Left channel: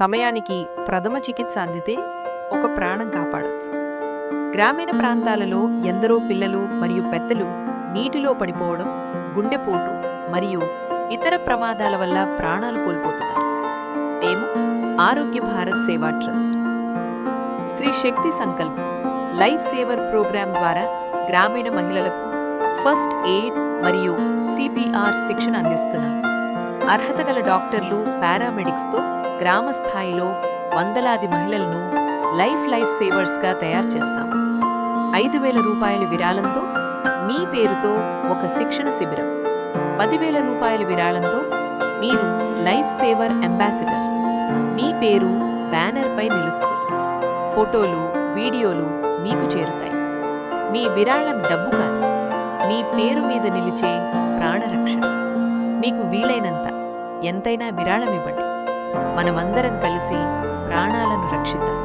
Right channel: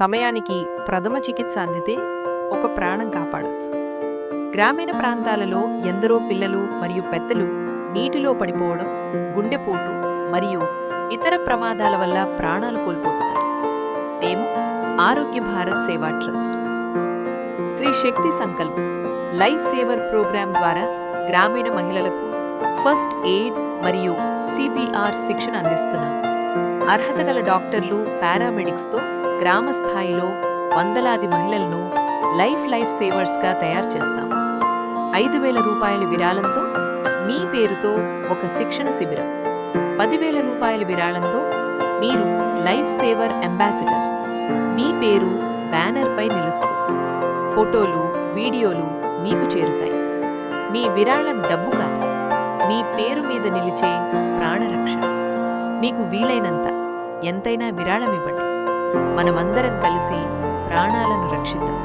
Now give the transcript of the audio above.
సమయానికి ప్రథమ చికిత్స అందితే ఒక ప్రాణం కాపాడొచ్చు. గ్రామీణ ప్రాంతాలలో ఎందరో పిల్లలు మరియు పెద్దలు నీటిలో పడిపోవడం, గుండెపోటు మరియు ఇతర ప్రమాదాల వల్ల ప్రాణాలు కోల్పోతున్నారు. మేము ఆరోగ్య భారత్ సేవా ట్రస్ట్ శ్రీ శక్తి సంకల్ప్ లైఫ్ సేవర్ ప్రోగ్రాం ద్వారా గ్రామీణ మహిళలకు ఫస్ట్ ఎయిడ్ మరియు సిపిఆర్ శిక్షణ అందిస్తున్నాం. అర్హత గల డాక్టర్లు, పారామెడిక్స్తో గ్రామ స్థాయిలో వందలాది మహిళలను లైఫ్ సేవర్స్గా తయారు చేస్తాం. 5,000 రూపాయల విరాళంతో మీ పేరుతో ఒక శిక్షణ శిబిరం, 10,000 రూపాయల విరాళంతో మీరు లైఫ్ సేవర్ అంబాసిడర్, మీ పేరు బ్యానర్పై నిలుస్తుంది. ఫోటోలు, వీడియోలు మీకు చేరుతాయి. మీ విరాళం డబ్బు కాదు, మీ పేరు మీద నిలిచే ప్రాణరక్షణ. మీకు వీలైనంత ఎంతైనా విరాళమివ్వండి. మనమందరం కలిసి ప్రాణాలను రక్షిద్దాం.